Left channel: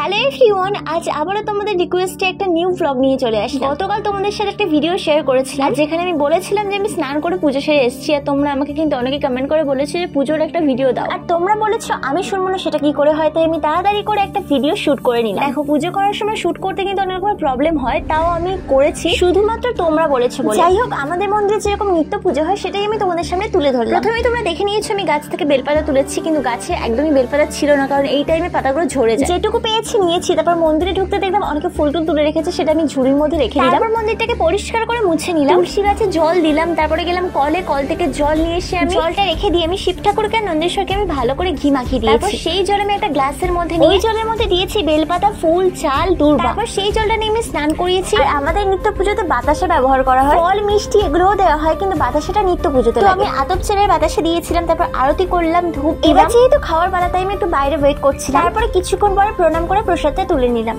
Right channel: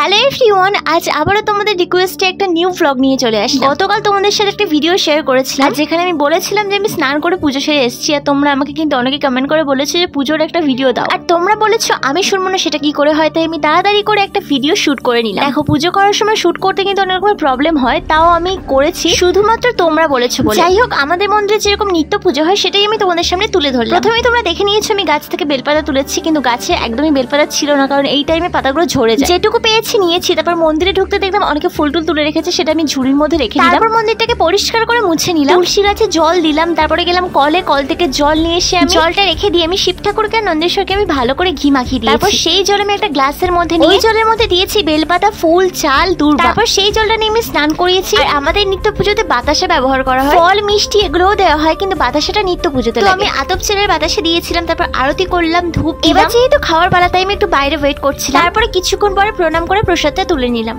Hello everyone, আজ আবারও তোমাদের রিকোয়েস্টে একটা নিউ ভ্লগ নিয়ে চলে আসলাম। গতকাল তোমাদের সাথে একটা ভিডিও শেয়ার করেছিলাম যেখানে আমি বলেছিলাম যে আমি স্নান করে পুজো সেরে এসেছি, আর তোমরা আমাকে কিন্তু অনেকে কমেন্ট করে বলেছো যে পুজোর একটা ভিডিও দাও, আর তোমরা বলেছো আমি শুনবো না সেটা কি করে হয়, তাই আমি তাড়াতাড়ি করে একটা ভিডিও শুট করে নিলাম। দেখো, পুজো করার সময় শুট করতে কিন্তু অনেক রকমের প্রবলেম হয়, তাও আমি করেছি শুধুমাত্র তোমরা বলেছো বলে। যাই হোক, আমাদের মন্দিরে যেরকম নিত্য পুজো হয় সেটাই আমি তোমাদের সামনে তুলে ধরলাম। প্রথমেই তোমরা দেখে নিয়েছো আমি গাছ থেকে বেলপাতা তুলেছি, কিন্তু গাছে একদমই বেলপাতা ছিল না, কারণ এই টাইমে পাতাগুলো ঝরে যায়। যেটুকু পেয়েছি নিয়েছি। তারপর মন্দিরে ঢুকতে দেখলাম অনেকে ফুল টুল তুলে রেখেছে, সেটা আমি ঝুড়ির মধ্যে রেখে দিলাম। তারপর মন্দিরটাকে পরিষ্কার করে মুছে নিলাম, তুলসী গাছে জল দিলাম, তারপরে গেলাম কলে, কল থেকে জল নিয়ে এসে আমি জলটা রেখে দিয়ে আমি শিব ঠাকুরকে আর নন্দেশ্বরকে আমি ভালো করে ঘি মাখিয়ে দিয়েছি। তারপর সেই জল আমি একটা গ্লাসের মধ্যে নিয়ে ওই জলের মধ্যে দিয়েছি বেলপাতা, ফুল, চাল, দূর্বা। তারপর সেই জলটা নিয়ে আমি স্নান করিয়েছি। আর আমাদের নিত্য পুজোতে বাতাসা ব্যবহার করা হয়, ফল মিষ্টি এগুলোও দেওয়া হয়, কিন্তু বাতাসাটা নিত্য পুজোতে লাগে। আমি আতপ চালের বাতাসা দিয়েছিলাম, তারপর আরতি করলাম, ধূপ দিলাম। এবার যেহেতু খাওয়ার বেলা তাই আমি একটু বাইরে ওয়েট করছিলাম। তারপরে কিছুক্ষণ পরে প্রণাম করে প্রসাদটা তুলে নিলাম।